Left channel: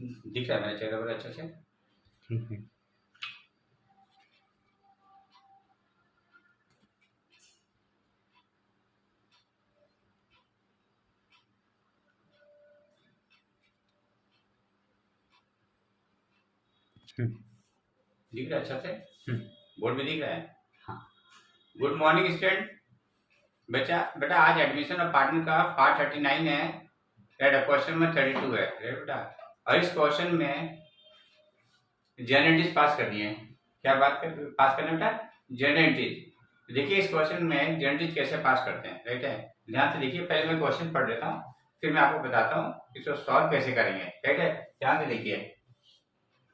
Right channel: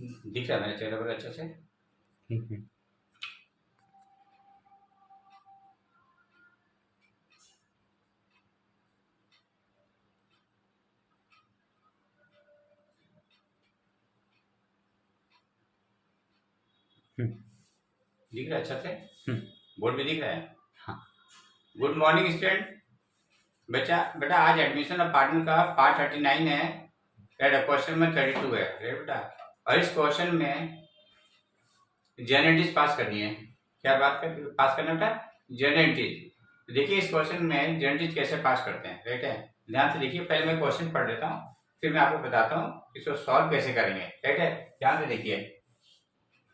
दिख रहा है मेरे चेहरे पर अच्छे से? ठीक है। दिख रहा है अच्छा से? हम्म, बोर्ड में दिख रहा है? हाँ। Good morning student. बेटा आज एडमिशन ऑफ पार्टनर का पार्ट 39 है, क्वेश्चन में 32 है बेटा। और इस क्वेश्चन में जेनेटिक्स पास करनी है। क्या बात कर पास करना बेटा? जेनेटिक्स। देखिए इस क्वेश्चन में जेनेटिक्स कैसे पास करते हैं, राइट है। ध्यान से देखिए, पहले मैं क्वेश्चन पढ़ लेता हूँ, फिर मैं आपको बताता हूँ इसको सॉल्व कैसे करेंगे, राइट है। ध्यान से देखिए,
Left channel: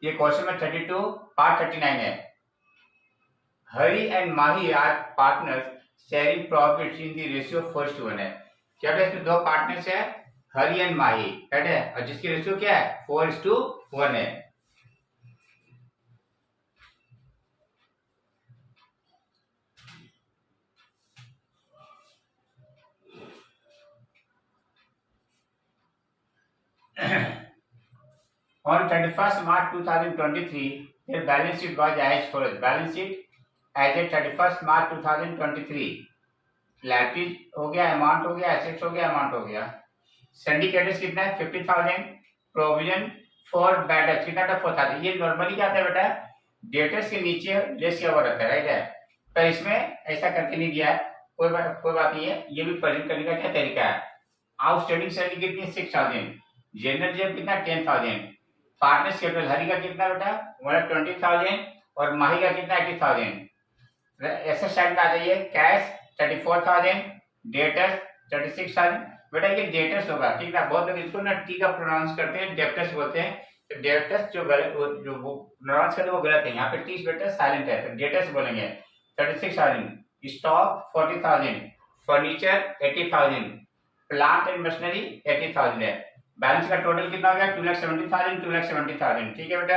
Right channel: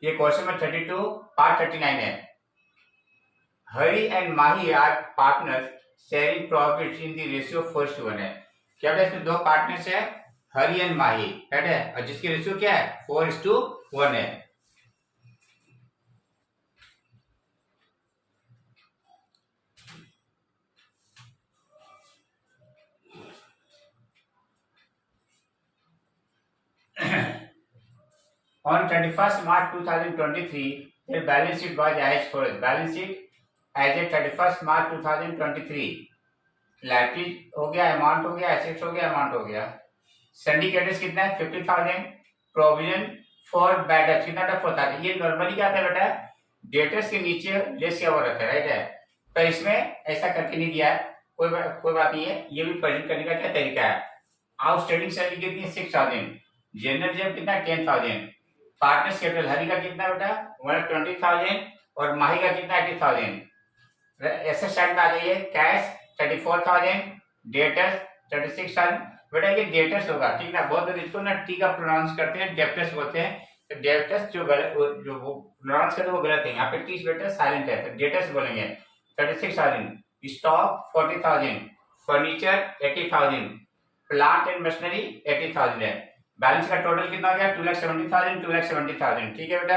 ये क्वेश्चन में 32 पार्ट 39 है। Hari and Mahi are partners sharing profits in the ratio 4:1 है। क्या बेटा इसमें दो पार्टनर्स है, हरी एंड माही, राइट है, और जिसकी रेशियो क्या है 4:1 है। On 31st March 2023, their balance sheet was as follows. Balance sheet as at 31st March 2023, liabilities हो गया, अमाउंट हो गया, एसेट्स हो गया, अमाउंट हो गया। सिंडिकेटर्स कितना है 50,000। प्रोविजन फॉर बैड डेट्स कितना था 4,000। ये नॉर्मली क्या आता है बेटा, डेटर्स के नीचे लेस किया हुआ रहता है, राइट है। पर इसमें ऐसा करके नहीं दिया है, कोई बात नहीं है। ये भी प्रेजेंट करने का क्या तरीका है। आउटस्टैंडिंग सैलरी कितनी है 6,000। जनरल जेब कितना 10,000। पार्टनर्स कैपिटल हरी का कितना बेटा 120,000 और माही का कितना 80,000। ऐसे साइड में आ जाइए, कैश 34,000, डेटर्स 36,000। बेटा ये डेटर्स होगा, ठीक है। बहुत लोग इसको ना टी का प्रोनाउंस करते हैं, डेप्टर्स बोलते हैं। तो डेप्टर्स जो गलत जो वो प्रोनाउंस करते हैं वो गलत है। यहाँ पे टी बेटा साइलेंट है, तो डेटर्स बोलेंगे 36,000। Stock 40,000, furniture 80,000, plant and machinery 80,000 है। बैलेंस का टोटल कितना हो गया 2,70,000, 2,70,000, ठीक है बेटा।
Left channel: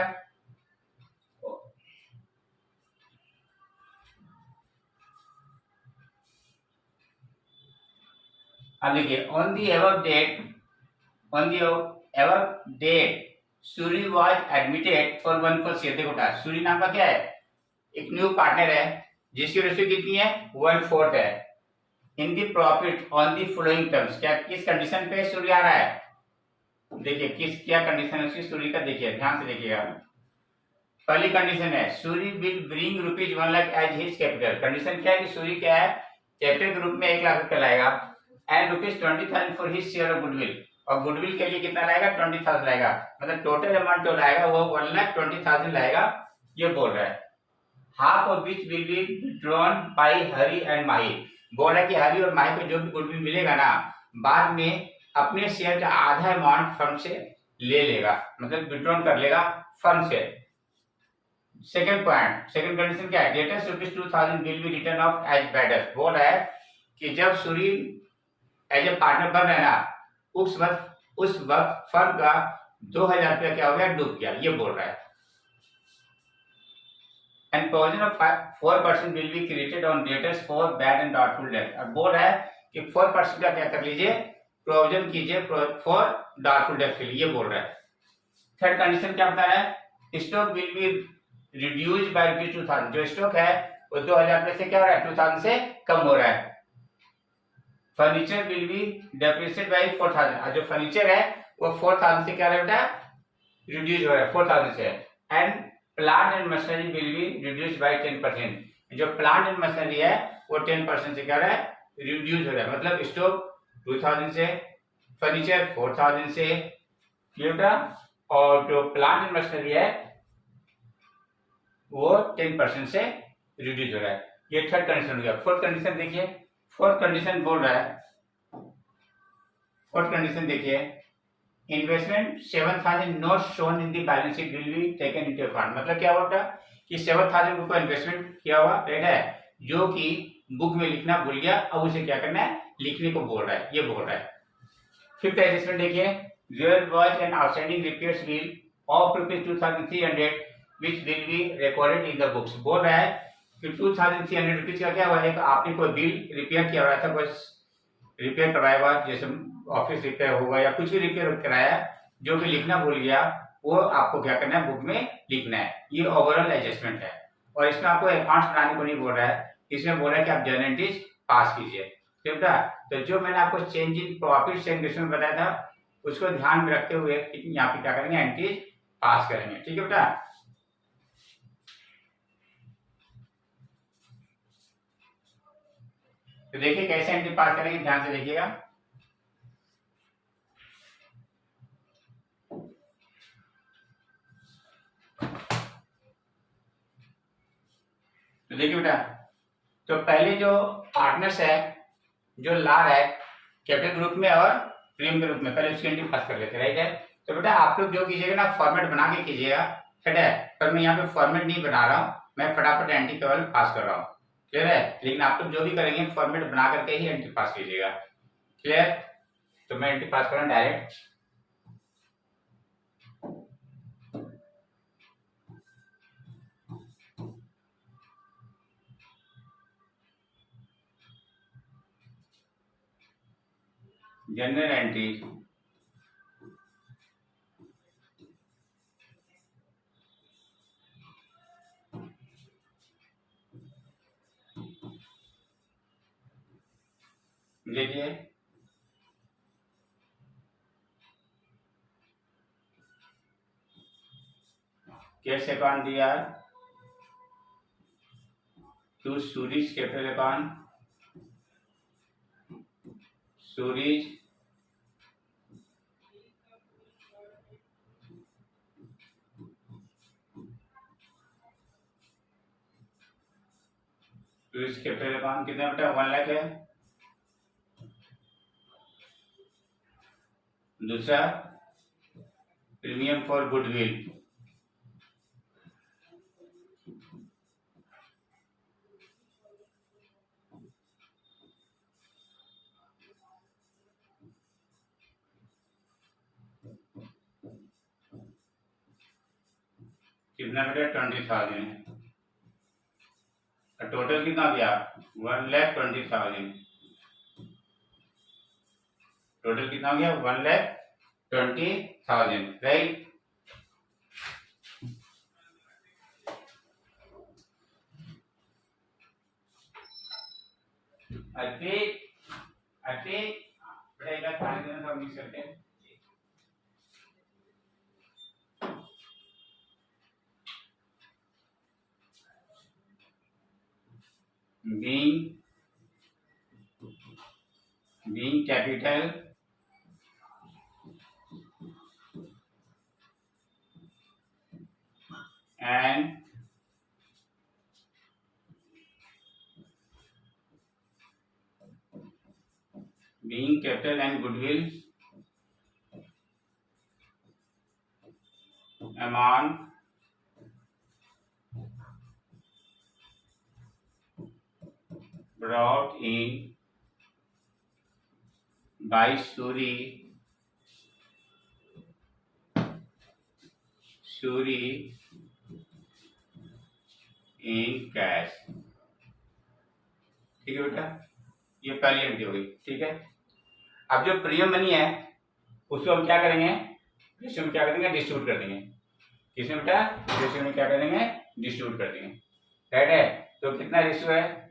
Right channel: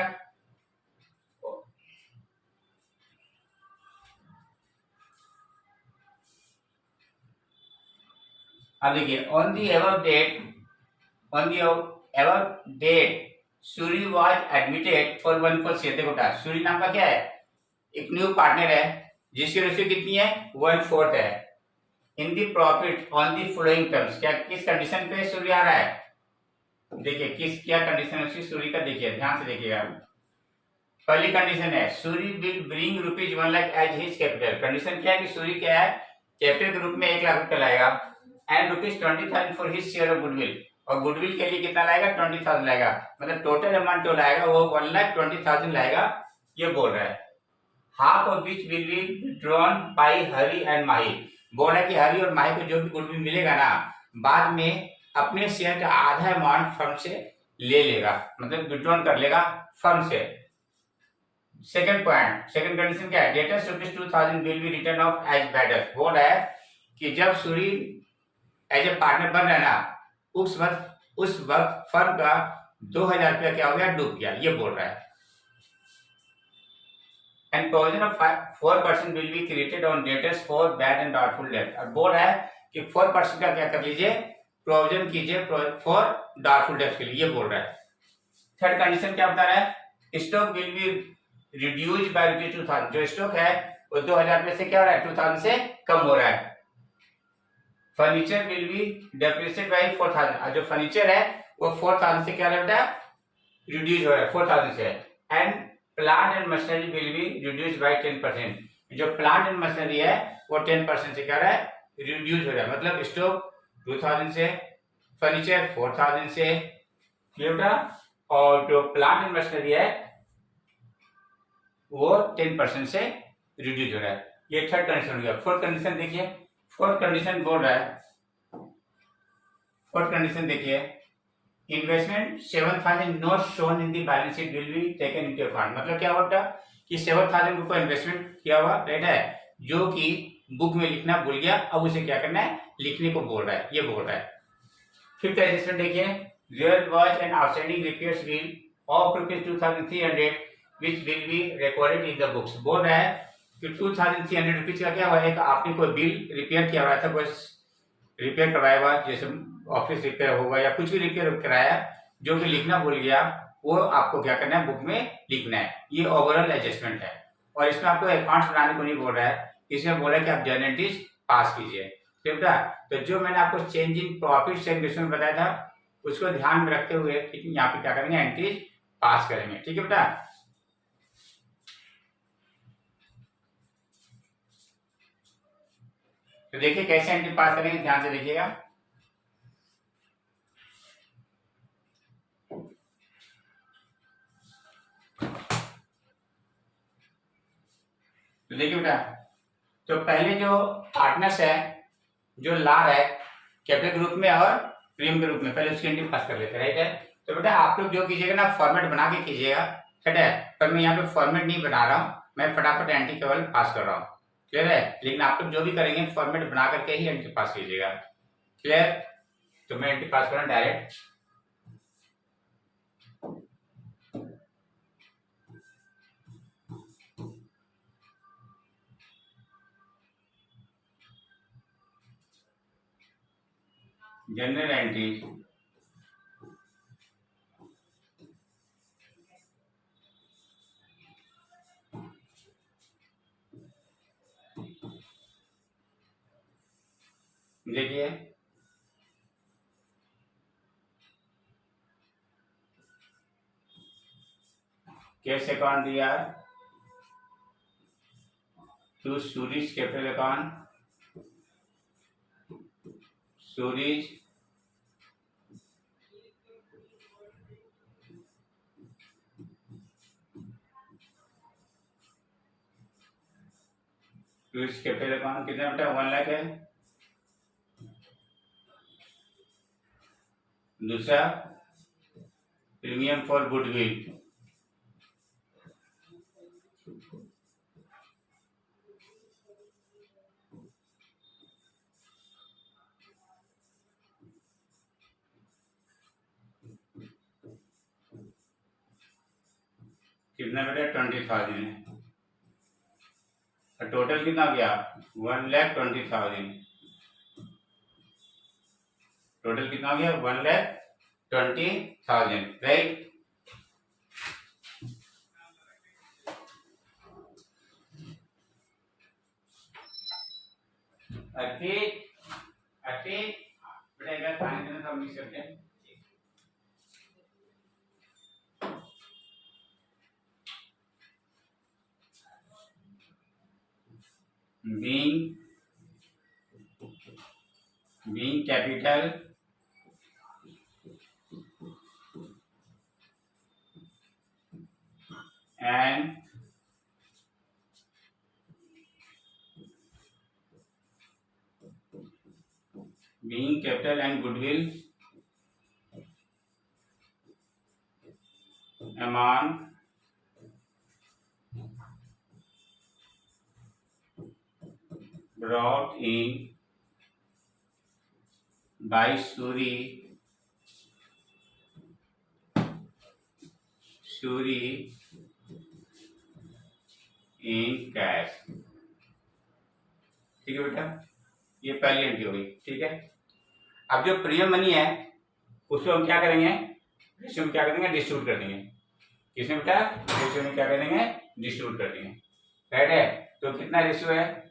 अब देखिए, on the above date Suri was admitted for 1/4 देखो बेटा, सूरी नाम का क्या है, एक न्यू पार्टनर है जिसकी रेशियो कितनी है 1/4 है। In the profit on the following terms, क्या किस कंडीशन पे सूरी आ रहा है, देखिए किस क्या कंडीशन है उसकी सूरी का, देखिए ध्यान से देखिएगा। पहली कंडीशन है Suri will bring rupees 1 lakh as his capital. Condition क्या है कि सूरी क्या है कैपिटल के रूप में 1 लाख रुपया लाएगा, and rupees 20,000 for his share of goodwill, और गुडविल के लिए कितना लाएगा 20,000 लाएगा। मतलब टोटल अमाउंट जो लाएगा वो 1,20,000 लाएगा, ये बोल रहा है। Half of which will be withdrawn by Hari and Mahi. बोल रहा है कि हरी और माही को जो भी गुडविल मिलेगा ना, बाद में अपने शेयर का आधा अमाउंट फर्म से ले लेगा, मतलब विथड्रॉन कर लेगा फर्म से। सेकंड पॉइंट, सेकंड कंडीशन क्या है, debtors rupees 2,000 will be written off as bad. बोल रहा है कि जब सूरी एज ए पार्टनर बन रहा है ना, उस वक्त फर्म का 2,000 रुपया क्या हो गया डूब गया, ये बोल रहा है। And provision of 4% will be created on debtors for bad and doubtful debt. अब बोल रहा है कि 4% का क्या कर लीजिए, प्रोविजन कीजिए फॉर डाउटफुल डेट के लिए, ये बोल रहा है। थर्ड कंडीशन क्या बता रहा है, stock will be reduce by rupees 2,000। जो स्टॉक है वो 2,000 में से क्या हो रहा है 2,000 से कम हो रहा है। Furniture will be depreciated by 4,000, और जो फर्नीचर है वो 4,000 से क्या हो रहा है रिड्यूस हो रहा है 4,000 से। And plant and machinery will be reduce by 10%। जो प्लांट एंड मशीनरी है वो 10% से क्या हो रहा है रिड्यूस हो रहा है। मतलब स्टॉक 2,000 से, फर्नीचर 4,000 से, ये बेटा, और जो प्लांट एंड मशीनरी है वो 10% से रिड्यूस हो रहा है। ये थर्ड कंडीशन हो गया। फोर्थ कंडीशन देखिए, फोर्थ कंडीशन बोल रहा है, फोर्थ कंडीशन देखिए, investment 7,000 not shown in the balance sheet will be taken into account. मतलब क्या होता है कि 7,000 रुपये इन्वेस्टमेंट किया हुआ, राइट है, जो कि बुक में लिखना भूल गया, अब उसे क्या करना है लिखने को बोल रहा है, ये बोल रहा है। फिफ्थ एडजस्टमेंट देखिए, there was an outstanding repairs bill of ₹2,300 which will be recorded in the books। बोल रहा है कि 2,300 रुपीज का क्या हुआ है, आपने कोई बिल रिपेयर किया हुआ था, कोई रिपेयर करवाया हुआ, जैसे ऑफिस रिपेयर होगा या कुछ भी रिपेयर कराया, जो भी लिखना भूल गया, वो आपको क्या करना है, बुक में लिखना है। ये ओवरऑल एडजस्टमेंट है। और इसमें आपको अकाउंट्स बनाने को नहीं बोल रहा है, इसमें बोल रहा है कि आप जर्नल एंट्रीज पास कीजिए। ठीक बेटा, तो जो मैंने आपको change in profit sharing ratio में बताया था उसको ध्यान में रखते हुए यहाँ पे क्या करेंगे, एंट्रीज पास करेंगे। ठीक है बेटा, तो देखिए कैसे एंट्री पास करेंगे, ध्यान से देखिएगा। तो देखिए बेटा, तो पहले जो पार्टनर्स है, जो ला रहा है कैपिटल ग्रुप में और प्रीमियम ग्रुप में, पहले उसकी एंट्री पास कर लेते हैं, राइट है। तो बेटा आप लोग जो कीजिएगा ना, फॉर्मेट बना के कीजिएगा, ठीक है। पर मैं यहाँ पे फॉर्मेट नहीं बना रहा हूँ, मैं फटाफट एंट्री केवल पास कर रहा हूँ, क्लियर है। लेकिन आप लोग जो भी करेंगे फॉर्मेट बना करके ही एंट्री पास कीजिएगा, क्लियर। तो मैं एंट्री पास कर रहा हूँ डायरेक्ट। जनरल एंट्री, देखिए कैश अकाउंट दिया to Suri's capital account, Suri's capital account कितना बेटा, 1 लाख है। दूसरा प्रीमियम फॉर गुडविल, कितना बेटा, 20,000 है। टोटल कितना हो गया, 1,20,000। टोटल कितना हो गया, 1,20,000, राइट। बेटा खाने देना सब मिक्स करके, being capital and goodwill amount brought in by Suri in cash। ठीक है बेटा, ये पहली एंट्री हो गई, ठीक है। अब जो प्रीमियम मनी है उसको हम क्या करेंगे, रेशियो में क्या करेंगे, डिस्ट्रीब्यूट कर देंगे। किसमें बेटा, रेशियो में क्या करेंगे, डिस्ट्रीब्यूट कर देंगे, राइट है। तो कितना रेशियो है,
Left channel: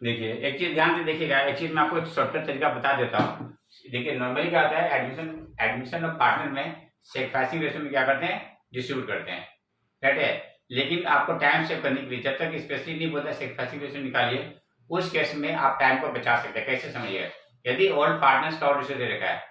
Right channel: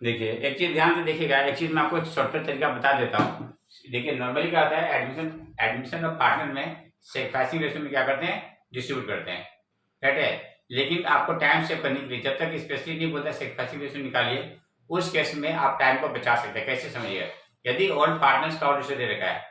देखिए एक चीज ध्यान से देखिएगा, एक चीज मैं आपको एक शॉर्टकट तरीका बता देता हूँ। देखिए नॉर्मली क्या होता है, एडमिशन और पार्टनर में सेक्रेफाइसिंग रेशियो में क्या करते हैं, डिस्ट्रीब्यूट करते हैं, राइट है। लेकिन आपको टाइम सेव करने के लिए, जब तक स्पेशली नहीं बोलता सेक्रेफाइसिंग रेशियो निकालिए, उस केस में आप टाइम को बचा सकते हैं। कैसे समझिए, यदि ओल्ड पार्टनर्स का और रेशियो दे रखा है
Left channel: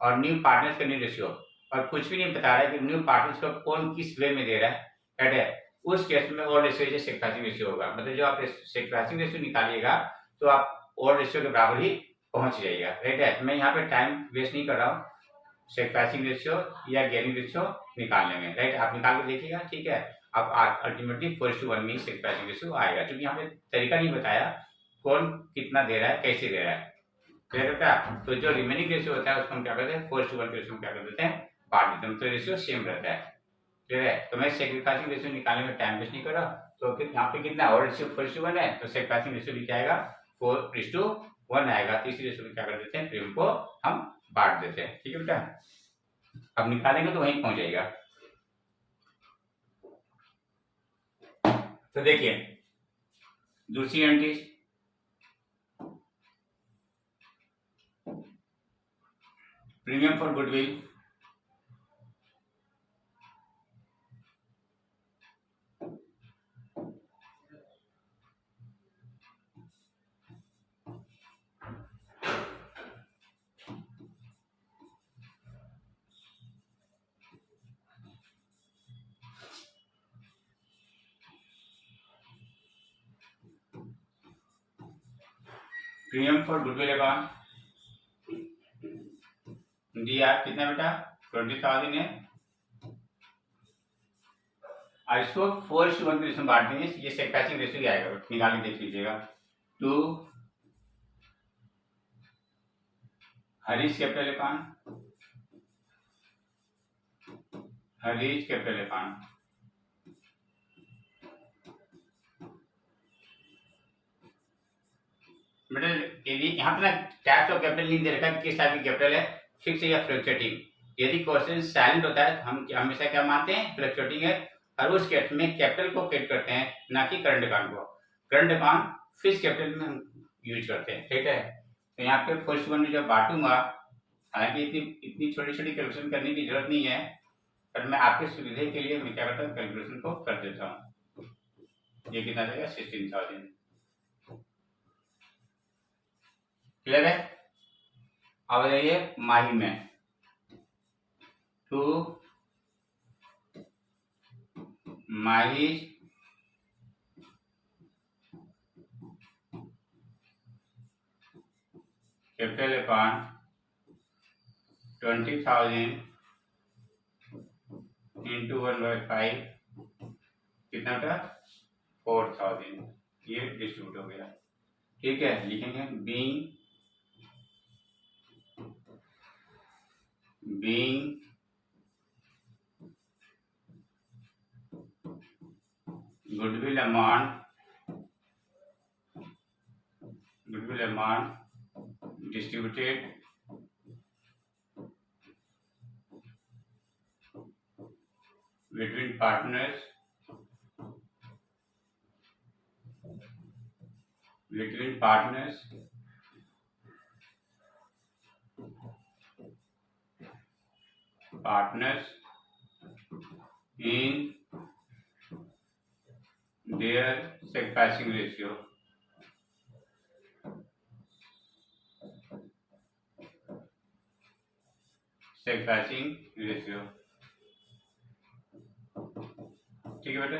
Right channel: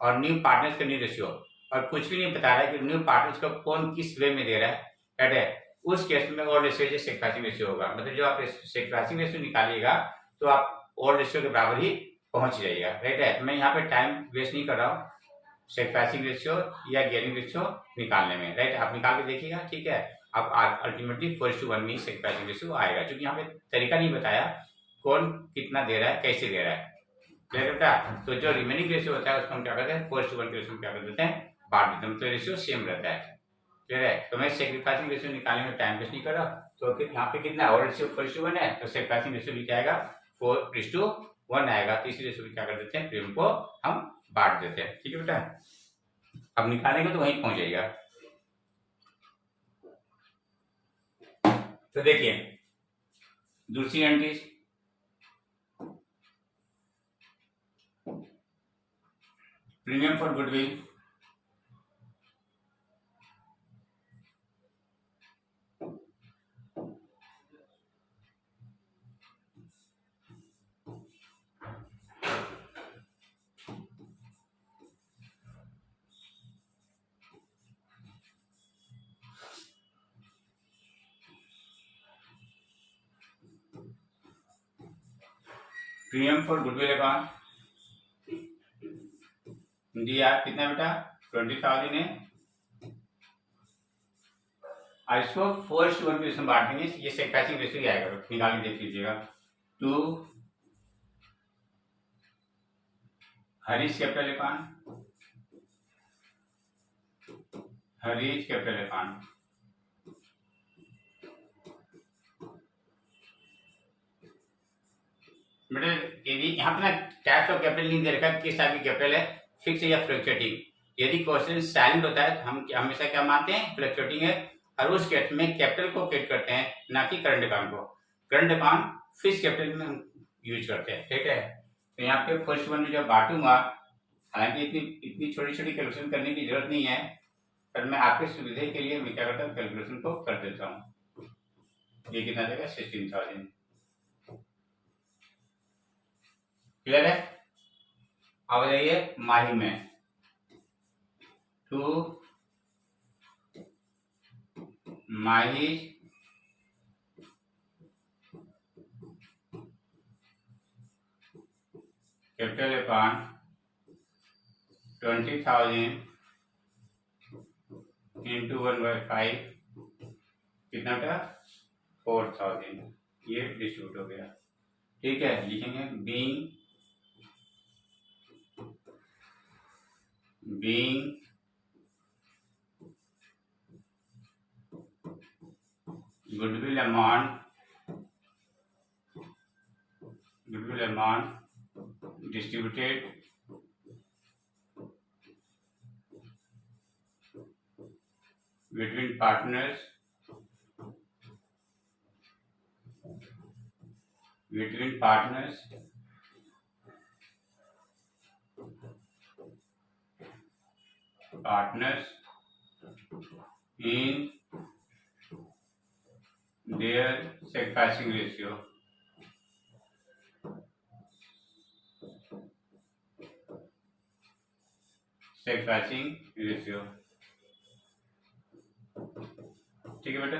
और न्यू पार्टनर्स का न्यू रेशियो, और कुछ भी नहीं बता रहा है कि न्यू पार्टनर्स को कौन किस वे में दे रहा है, राइट है, उस केस में ओल्ड रेशियो सेक्रेफाइसिंग रेशियो होगा। मतलब जो आप सेक्रेफाइसिंग रेशियो निकालिएगा तो आप ओल्ड रेशियो के बराबर ही पहुंच जाइएगा, राइट है। मैं यहाँ पे टाइम वेस्ट नहीं कर रहा हूँ सेक्रेफाइसिंग रेशियो या गेयरिंग रेशियो निकालने में, राइट। आप निकाल के देखिएगा, ठीक है। आप अल्टीमेटली 4:1 में सेक्रेफाइसिंग रेशियो आएगा, क्योंकि यहाँ पे तरीका नहीं बताया कौन कितना दे रहा है, कैसे दे रहा है, क्लियर बेटा। तो जो रिमेनिंग रेशियो होता है उसको हम क्या करते हैं, 4:1 के रेशियो में क्या कर देते हैं, बांट देते हैं, तो रेशियो सेम रहता है, क्लियर है। तो मैं सेक्रीफाइसिंग रेशियो निकालने में टाइम वेस्ट नहीं कर रहा, तो फिर यहाँ पे कितना और रेशियो 4:1 है, तो सेक्रीफाइसिंग रेशियो भी क्या आएगा, 4:1 1 आएगा, तीसरी रेशो में क्या कर देते हैं, प्रीमियम को हम बांट देते हैं। ठीक है बेटा, अब निकालेंगे तो वहीं पहुंच जाएगा। तो देखिए दूसरी entries, premium for goodwill, premium for goodwill account दिया कितना बेटा, 20,000 है। और इसको 4:1 के रेशो में बांट देंगे, ये सेक्टाचिंग रेशो ही आएगा, निकाल के देख लीजिएगा। 2 Harish capital account, Harish capital account, बेटा यदि यहाँ पे ना टाइप्स ऑफ कैपिटल नहीं दे रखा है, किस टाइप की कैपिटल है, फिक्स या फ्लक्चुएटिंग। यदि क्वेश्चन साइलेंट होता है तो हम हमेशा क्या मानते हैं, फ्लक्चुएटिंग है, और उस केस में कैपिटल को क्रिएट करते हैं, ना कि करंट अकाउंट को। करंट अकाउंट फिक्स कैपिटल में हम यूज करते हैं। ठीक है, तो यहाँ पे फर्स्ट वन में जब बांटूंगा, हालांकि इतनी छोटी छोटी कैलकुलेशन करने की जरूरत नहीं है, पर मैं आपके सुविधा के लिए मैं क्या करता हूँ, कैलकुलेशन को कर देता हूँ। ये कितना देगा, 16,000। क्लियर है। अब बताइए माही में 2 माही कैपिटल अकाउंट 20,000 इंटू 1/5 कितना बेटा, 4,000। ये डिस्ट्रीब्यूट हो गया। ठीक है, लिखेंगे being goodwill amount distributed between partners in their sacrificing ratio. sacrificing ratio। ठीक है बेटा,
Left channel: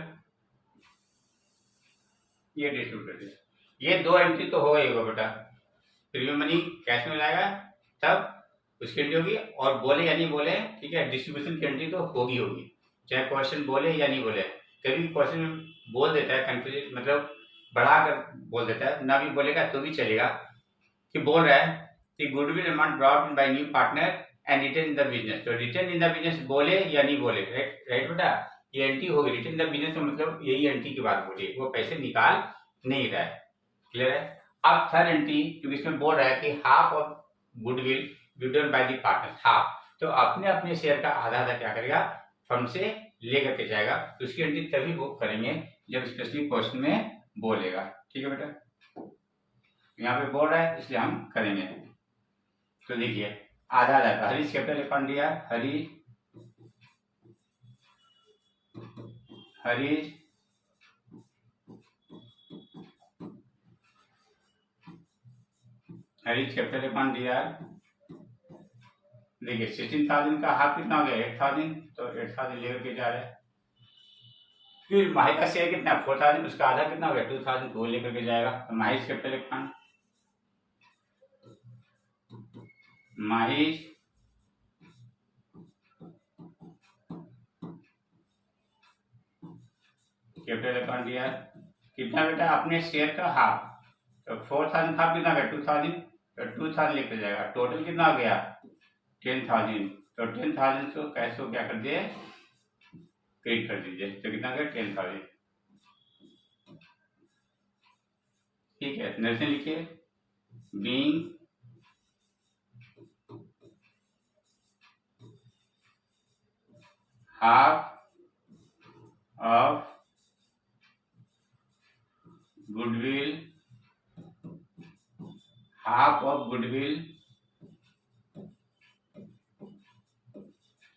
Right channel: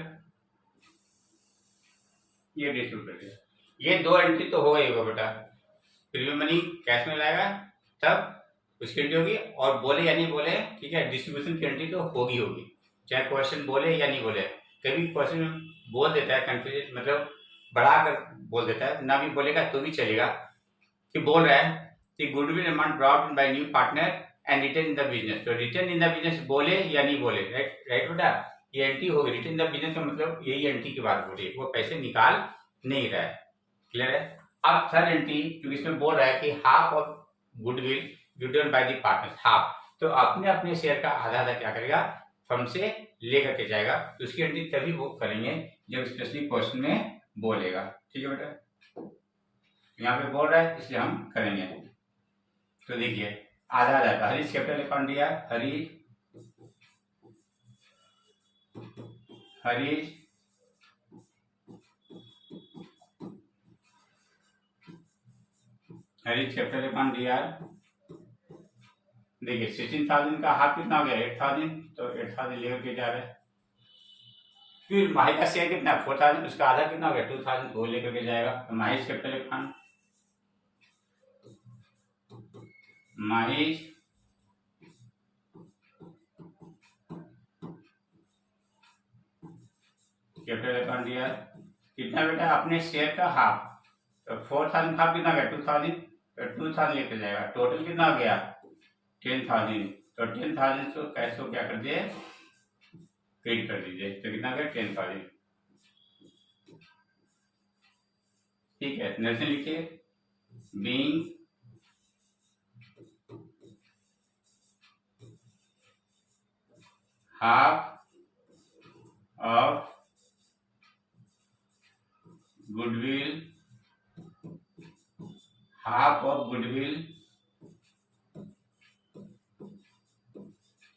ये डिस्ट्रीब्यूट कर दिया। ये 2 एंट्री तो हो गई होगा बेटा। प्रीमियम मनी कैश में लाएगा तब उसकी एंट्री होगी, और बोले या नहीं बोले, ठीक है, डिस्ट्रीब्यूशन की एंट्री तो होगी, चाहे क्वेश्चन बोले या नहीं बोले। कभी क्वेश्चन बोल देता है कंफ्यूजन, मतलब बढ़ाकर बोल देता है, ना भी बोलेगा तो भी चलेगा, कि बोल रहा है कि goodwill amount brought in by new partner and retain in the business. तो रिटेन इन द बिजनेस बोले या नहीं बोले, राइट बेटा, ये एंट्री होगी। रिटेन इन द बिजनेस का मतलब यही एंट्री की बात हो रही है, वो पैसे निकाल नहीं रहा है। क्लियर है। अब थर्ड एंट्री, क्योंकि इसमें बोल रहा है कि half of goodwill given by the partners, half, तो अपने अपने शेयर का आधा आधा क्या करेगा, फर्म से लेकर के जाएगा। तो उसकी एंट्री तभी वो करेंगे जब स्पेसिफिक क्वेश्चन में बोलेगा। ठीक है बेटा, यहाँ पे बोल रहा है इसलिए हम करेंगे। तो देखिए आधा आधा का हरीश कैपिटल अकाउंट दिया, हरीश कैपिटल अकाउंट दिया। देखिए 16,000 का हाफ कितना हो गया, 8,000, तो 8,000 लेकर के जा रहे हैं। फिर माही का शेयर कितना, 4,000, उसका आधा कितना हो गया, 2,000, वो लेकर के जाएगा। तो माही कैपिटल अकाउंट, माही कैपिटल अकाउंट दिया कितना बेटा, अपने शेयर का हाफ, तो 4,000 हाफ कितना गया, 2,000, तो 2,000 लेकर जाएगा। टोटल कितना हो गया, 10,000, तो 10,000 को कैश को क्या कर दिए, क्रेडिट कर दीजिए, तो कितना गया, 10,000। ठीक है, नर्सन लिखिए being half of goodwill,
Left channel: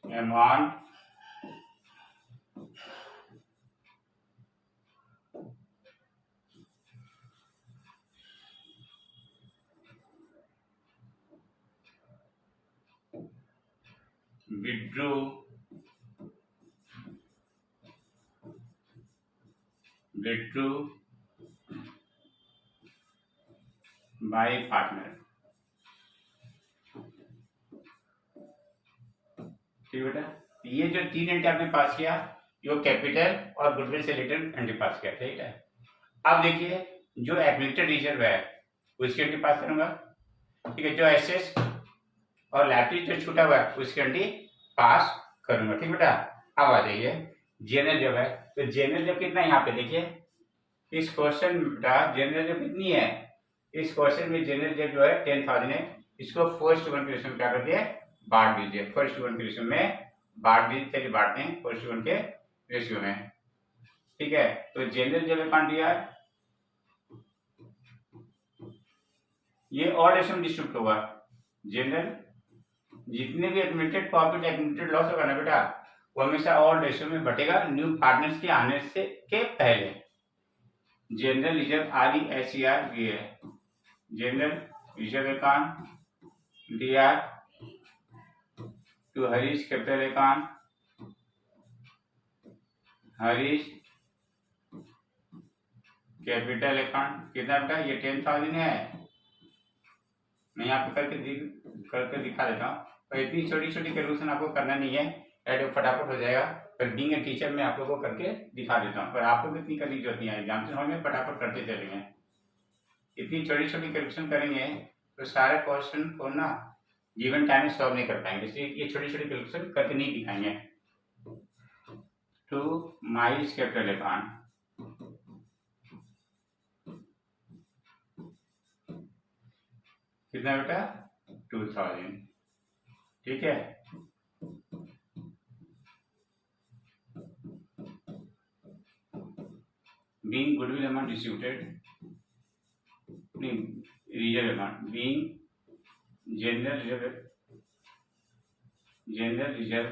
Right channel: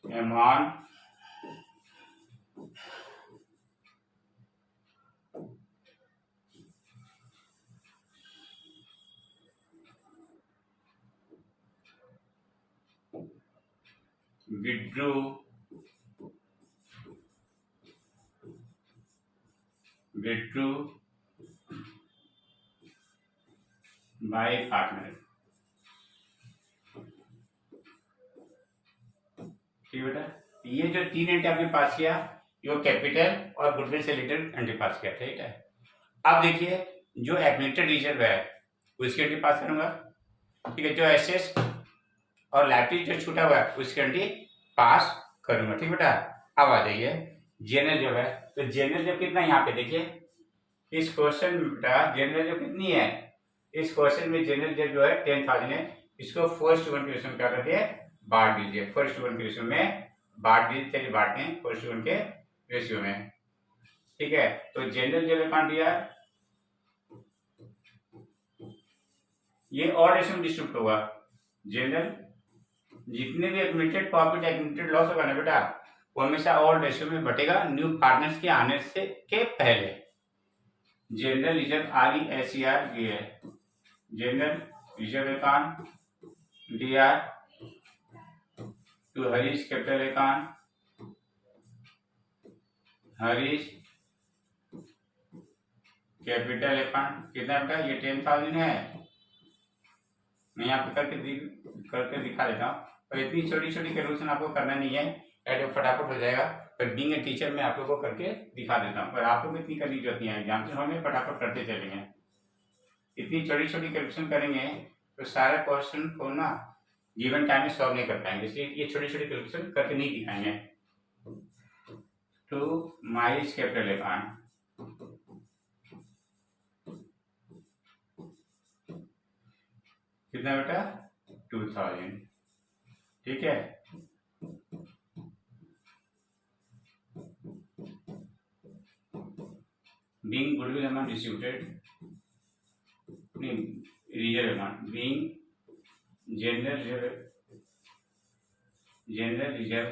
amount withdrew by partner। ठीक बेटा, ये जो 3 एंट्री आपने पास किया, ये कैपिटल और गुडविल से रिलेटेड एंट्री पास किया। ठीक है, अब देखिए जो एक्यूमुलेटेड रिजर्व है उसकी एंट्री पास करूंगा। ठीक है, जो एसेट्स और लायबिलिटी जो छूटा हुआ है उसकी एंट्री पास करूंगा। ठीक बेटा, अब आ जाइए जनरल जब है, तो जनरल जब कितना है यहाँ पे देखिए इस क्वेश्चन बेटा, जनरल जब कितनी है इस क्वेश्चन में, जनरल जब जो है 10,000 है, इसको फर्स्ट वन के रेशियो क्या कर दिए, बांट दीजिए। फर्स्ट वन के रेशियो में बांट दीजिए, चलिए बांटते हैं फर्स्ट वन के रेशियो में। ठीक है, तो जनरल जब अकाउंट दिया ये और रेशियो में डिस्ट्रीब्यूट होगा। जनरल जितने भी एक्यूमुलेटेड प्रॉफिट एक्यूमुलेटेड लॉस होगा ना बेटा, वो हमेशा और रेशियो में बटेगा न्यू पार्टनर्स के आने से के पहले। जनरल रिजर्व RESER ये है, general reserve account DR to Harish capital account, Harish capital account कितना बेटा, ये 10,000 है। मैं यहाँ पे करके दिखा देता हूँ, और इतनी छोटी छोटी कैलकुलेशन आपको करना नहीं है, ऐड फटाफट हो जाएगा। पर बीइंग ए टीचर मैं आप लोगों को करके दिखा देता हूँ, पर आप लोग इतनी करने की जरूरत नहीं है, एग्जाम से हमें फटाफट करते चलेंगे। इतनी छोटी छोटी कैलकुलेशन करेंगे तो सारा क्वेश्चन को ना गिवन टाइम में सॉल्व नहीं कर पाएंगे, इसलिए ये छोटी छोटी कैलकुलेशन करके नहीं दिखाएंगे। टू माइस कैपिटल अकाउंट, कितना बेटा 2,000। ठीक है, being goodwill amount distributed, reserve amount being general reserve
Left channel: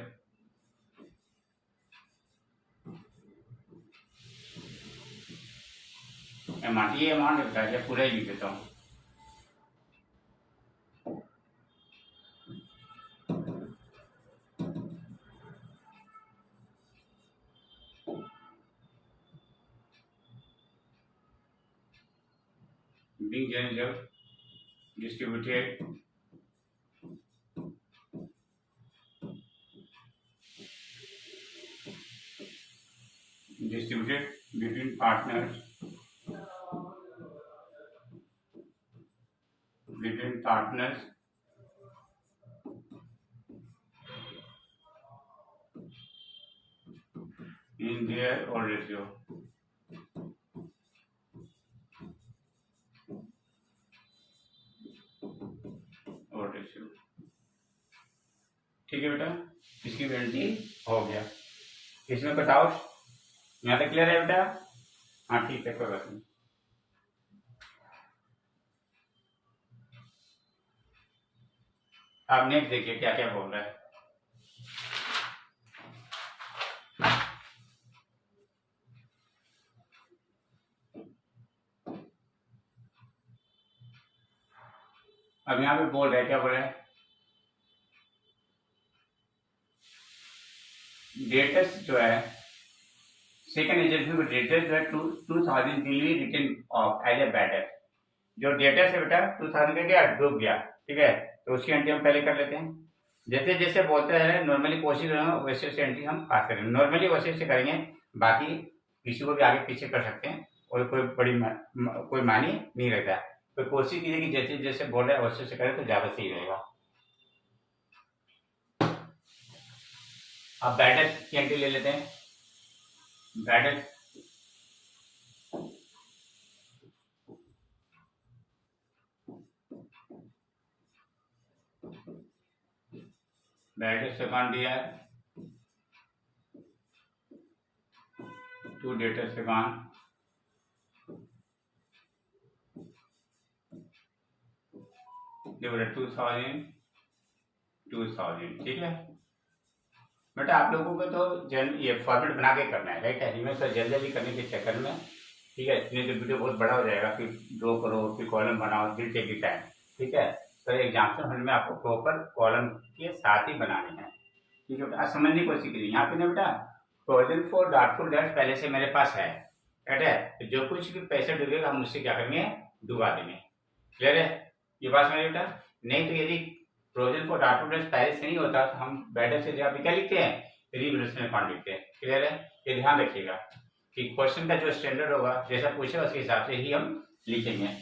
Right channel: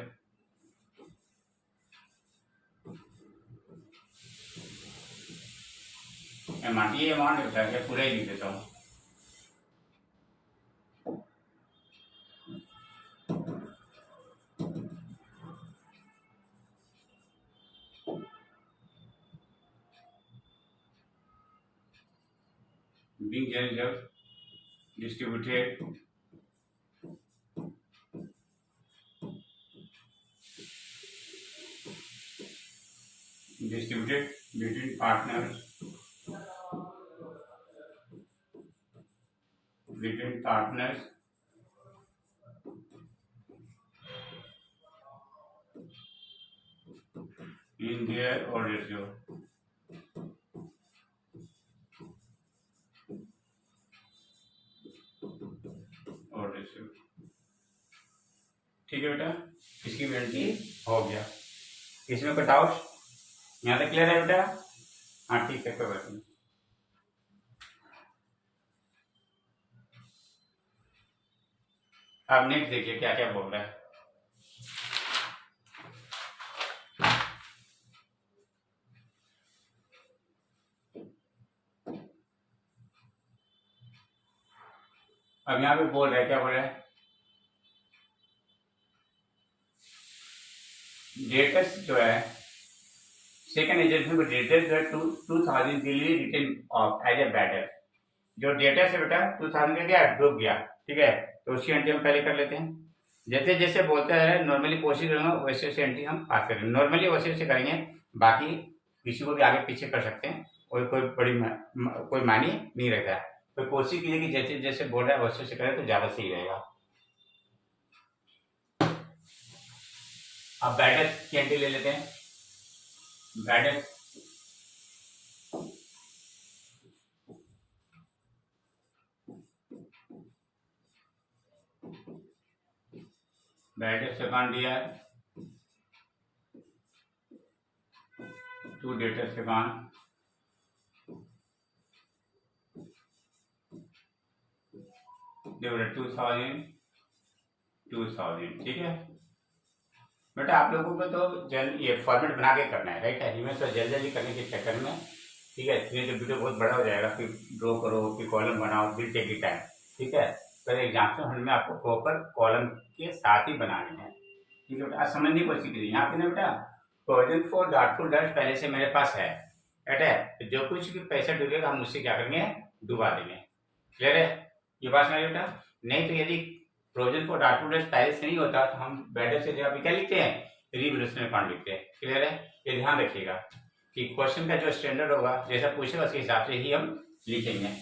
amount, ये अमाउंट होता है, पूरा ही लिख देता हूँ। being general distributed between partners in their odd ratio। ठीक है बेटा, इसकी वैलिडिटी हो गया। इसमें कोई डाउट यहाँ तक क्लियर है बेटा? हाँ ठीक है, कोई बात नहीं। आप नेक्स्ट देखिए क्या क्या बोल रहा है। अब यहाँ पे बोल रहा है, क्या बोल रहा है, डेटर्स जो है सेकंड एजेंसी को डेटर्स जो है 2,000 दिल्ली written off as a better. जो डेटर्स है बेटा 2,000 का क्या डूब गया। ठीक है, तो उसकी एंट्री हम पहले कर लेते हैं। जैसे जैसे बोलते हैं नॉर्मली कोशिश करेंगे वैसे वैसे एंट्री हम पास करेंगे, नॉर्मली वैसे वैसे करेंगे, बाकी किसी को भी आगे पीछे कर सकते हैं और कोई बड़ी कोई मानी नहीं रहता है। तो कोशिश कीजिए कि जैसे जैसे बोल रहा है वैसे वैसे करें तो ज्यादा सही रहेगा। अब बैटर की एंट्री ले लेते हैं। बैटर बैड सेकंड दिया है, 2 डेटा सेकंड, देखो 2000, ठीक है बेटा। आप लोगों को तो ये फॉर्मेट बना के करना है, राइट है, इनमें तो जल्दी जल्दी करने के चक्कर में, ठीक है, इसमें तो वीडियो बहुत बड़ा हो जाएगा, फिर ड्रॉ करो, फिर कॉलम बनाओ, फिर टेक टाइम, ठीक है। तो एग्जाम्पल हॉल में आपको प्रॉपर कॉलम के साथ ही बनाने हैं, ठीक है बेटा। समझने की कोशिश कीजिए। यहाँ पे ना बेटा प्रोविजन फॉर डाउटफुल डेट्स पहले से मेरे पास है, राइट है, तो जो कुछ भी पैसा डूबेगा हम उससे क्या करेंगे, डुबा देंगे। क्लियर है ये बात समझ बेटा। नहीं तो यदि प्रोविजन फॉर डाउटफुल डेट्स पहले से नहीं होता तो हम बैडर से जब क्या लिखते हैं, रिवोल्यूशनरी फंड लिखते हैं। क्लियर है, ये ध्यान रखिएगा कि क्वेश्चन का जो स्टैंडर्ड होगा, जैसा पूछेगा उसके हिसाब से ही हम लिखेंगे।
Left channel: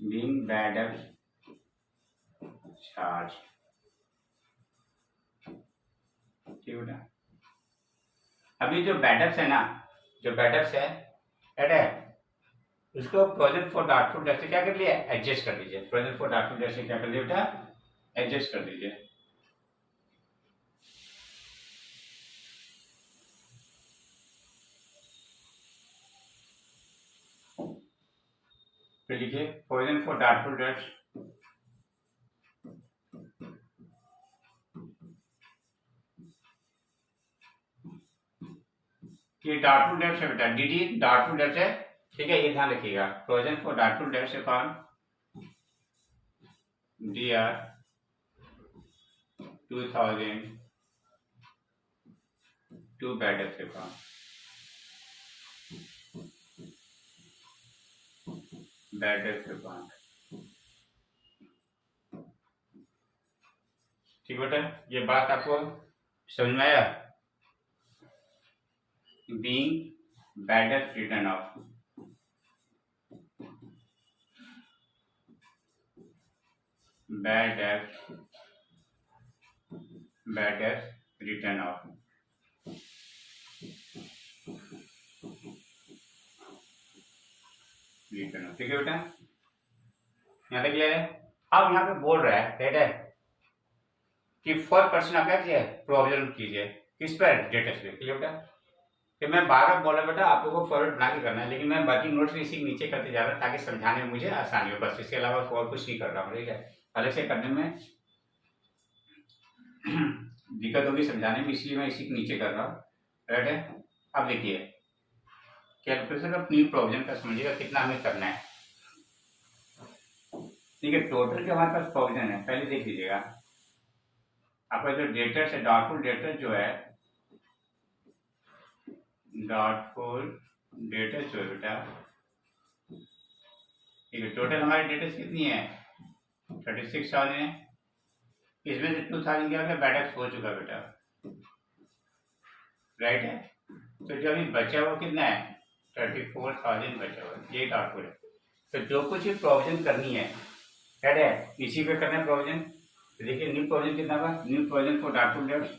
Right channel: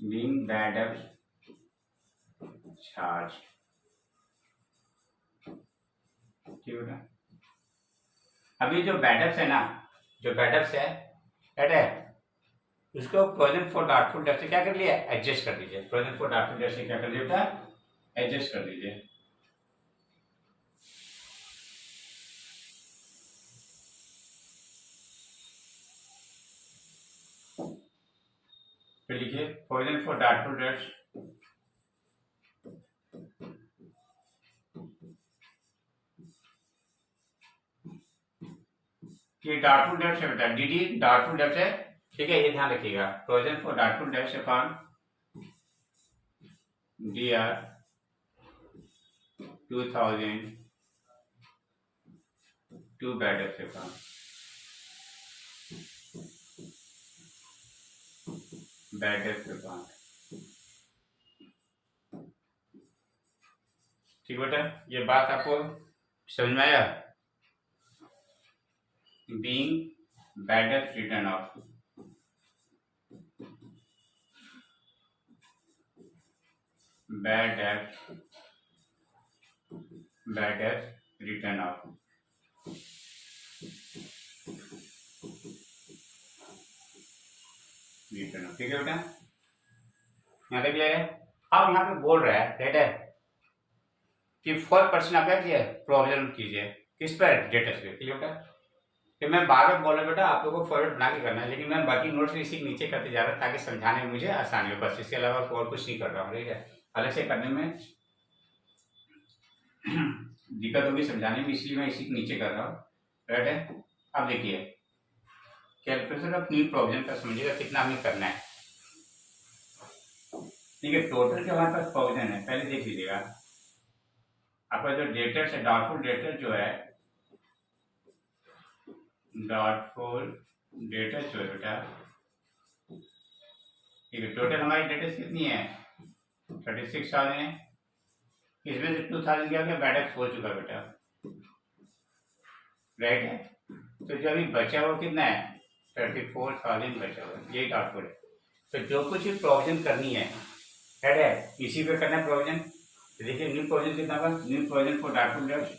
being bad debt charge, ठीक है। अभी जो बैडअप्स है ना, जो बैडअप्स है एड है, उसको प्रोविजन फॉर डाउटफुल डेट से क्या कर लिया, एडजस्ट कर दीजिए। प्रोविजन फॉर डाउटफुल डेट से क्या कर दीजिए बेटा, एडजस्ट कर दीजिए। फिर लिखिए प्रोविजन फॉर डाउटफुल डेट्स, ये डाउटफुल डेट्स है बेटा, डीडी डाउटफुल डेट्स है, ठीक है, ये ध्यान रखिएगा। Provision for doubtful debts account DR 2000 to bad debts account, bad debts account, ठीक बेटा। ये बात आपको समझ में आया। Being bad debts written off, bad debts written off, ठीक है बेटा, यहाँ तक क्लियर है। अब यहाँ पे बोल रहा है, राइट है, कि 4% आप क्या कीजिए, प्रोविजन कीजिए, किस पर, डेटर्स पे। क्लियर बेटा, कि मैं बार बार बोला बेटा आप लोगों को फॉरवर्ड बना के करना है, लेकिन मैं बाकी नोट्स भी इसी नीचे करते जा रहा हूँ ताकि समझाने में मुझे आसानी हो, बस इसके अलावा और कुछ नहीं कर रहा हूँ, ठीक है। अलग से करने में दिक्कत होगी समझाने में, इसलिए मैं इसी नीचे कर रहा हूँ, राइट है। अब देखिए कैलकुलेशन ऑफ न्यू प्रोविजन का समझिएगा कितना हमें करना है, ठीक है। टोटल जो हमारे पास प्रोविजन है पहले देख लीजिएगा। आपका जो डेटर्स है, डाउटफुल डेटर्स जो है, डाउटफुल डेटर्स जो है बेटा, ठीक है, टोटल हमारी डेटर्स कितनी है, 36,000 है। इसमें से 2,000 क्या हो गया, बैडअप्स हो चुका बेटा, राइट है। तो जो अभी बचा हुआ कितना है, 34,000 बचा हुआ है, ये डाउटफुल है। तो जो कुछ भी प्रोविजन करनी है, राइट है, इसी पे करना है प्रोविजन। तो देखिए न्यू प्रोविजन कितना होगा, new provision for doubtful dates,